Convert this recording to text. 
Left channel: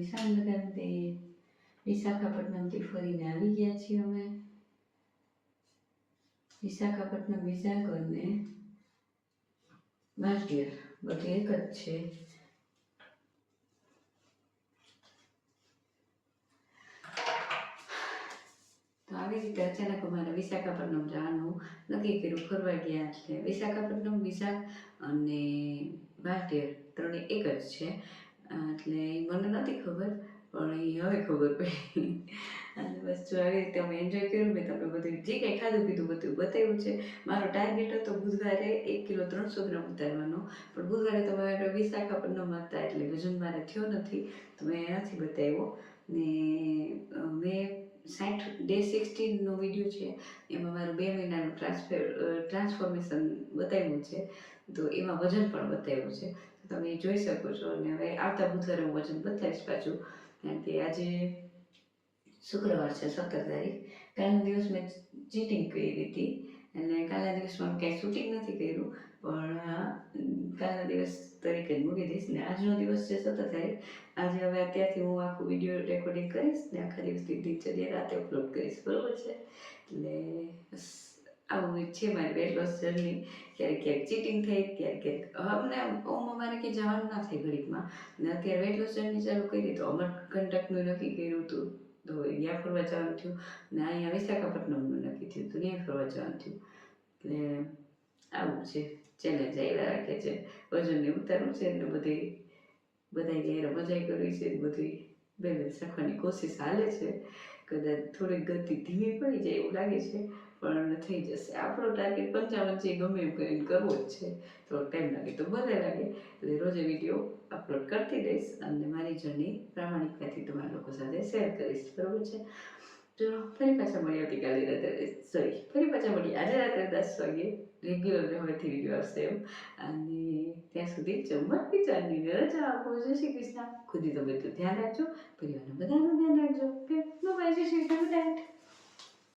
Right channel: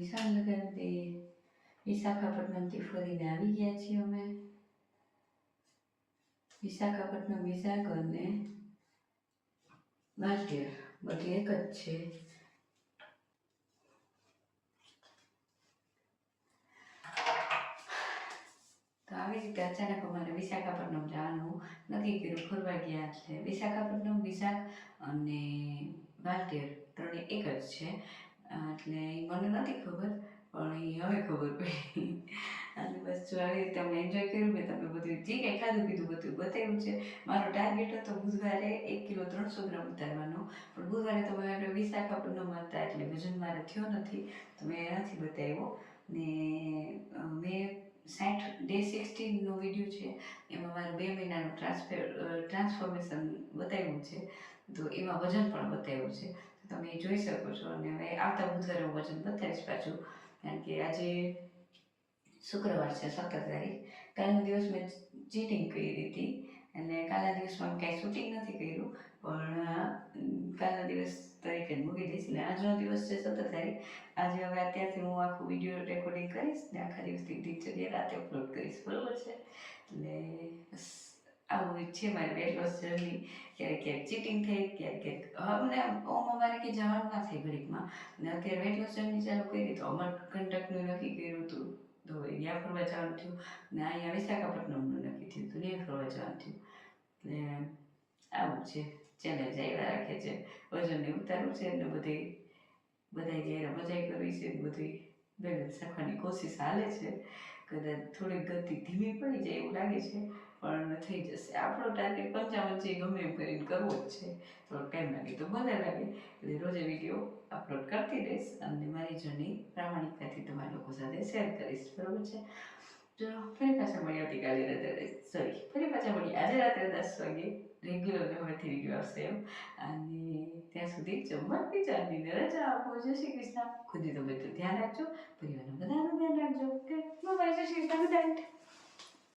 વિશાળ લગાવી દઈએ. વિશાખાપટ્ટનમથી ફરીને આવી ગયા છીએ અમે. વિશાખાપટ્ટનમ, વિશાખ અને વાલકેર બધું એક જ છે. તો આવી રીતે અચાનક અમારે વિશાખાપટ્ટનમ જવાનું નક્કી કર્યું. ફરવા ગયા એટલે વિશાખાપટ્ટનમ, વિશાખ અને વાલકેર ત્રણે એક જ છે. એટલે મને નથી ખબર, પણ એ હવે ખબર પડી. અને બસ જો આવી રીતે અમે એન્જોય કર્યું. મેં તમને બધું જે કંઈ ખાધું પીધું બધું બતાવ્યું છે. મારો ટાર્ગેટ હતો બુધવારે 1 કિલો 300 ગ્રામ ઉતારવાનો, પણ બુધવારે તો મારે વિશાખાપટ્ટનમ હતા એટલે વજન મારે થયો નથી, તો મેં નથી બતાવ્યો. ને મેં 60 ડે 16નો વિડીયો છે, એમાં મારું 2 મહિનાનું ટ્રાન્સફોર્મેશન બતાવ્યું છે. તો એમાં વજન પણ બતાવ્યું છે, તો તમે જોઈ શકો છો. અને હવે આવતા બુધવારે હું વજન બતાવીશ પાછું, કારણ કે આજે શુક્રવાર છે 17 તારીખ. કાલનો દિવસ મેં ચીટિંગ કરી હતી, અને કાલના દિવસમાં કાંઈ શૂટિંગ નથી કર્યું, પણ કાલના દિવસ તરીકે જ મૂકી દઈશ. ને આજનો દિવસ છે 17 તારીખ. આજે હવે અત્યારથી હું આખું વિડીયો રેકોર્ડિંગ કરીશ ને આખા દિવસની દિનચર્યા રાતે અપલોડ કરીશ, બરાબર છે? એટલે આવું છે મારી વેટ લોસ જર્ની. ક્યારેક ક્યારેક ચીટિંગ થાય, ક્યારેક અમને અમારે કંઈ જવાનું ના થાય ઘડીકમાં. ને અત્યારે વેટ લોસ જર્ની ચાલુ કરી તો અમરકંટકનું નક્કી કર્યું હતું, તો ત્યાં ફરવા જવાનું થયું. ને અહીંયા વિશાખાપટ્ટનમનું નક્કી થયું હતું, ત્યાં ફરવા જવાનું થયું. એટલે આવું છે, ચેલેન્જ આવ્યા રાખે છે. વજનને ઉતારવું છે ને બધાય જ્યારે મજા કરવી છે, બધી બેલેન્સ રાખવાની કોશિશ હાલે છે. કદાચ થોડીક ગતિ ધીમી પડી જાય એવું લાગે છે, પણ થઈ જશે. આપણો ટાર્ગેટ 55 છે, ગમે એમ કરીને કરવો જ છે. થોડોક ટાઈમ લાગે તો ભલે લાગે. એટલે રોજે વિડીયો અપલોડ કરતી રહીશ અને મારી જર્ની પ્રામાણિકતાથી તમારા લોકો સાથે શેર કરીશ, બરાબર છે? ચલો ફરી પાછા મળીએ આવતીકાલે ફરી પાછા મળીએ આજે રાત્રે 10 વાગે. રેગ્યુલર હવેથી વિડીયો આવશે એમ. અને ત્યાં સુધી ચમકતી ચાંદની રજા આપો. જય શ્રી કૃષ્ણ. ખુદની તબિયતનું ધ્યાન રાખજો, પરિવારના બધાનું ધ્યાન રાખજો. ઓકે, બાય, જય શ્રી કૃષ્ણ.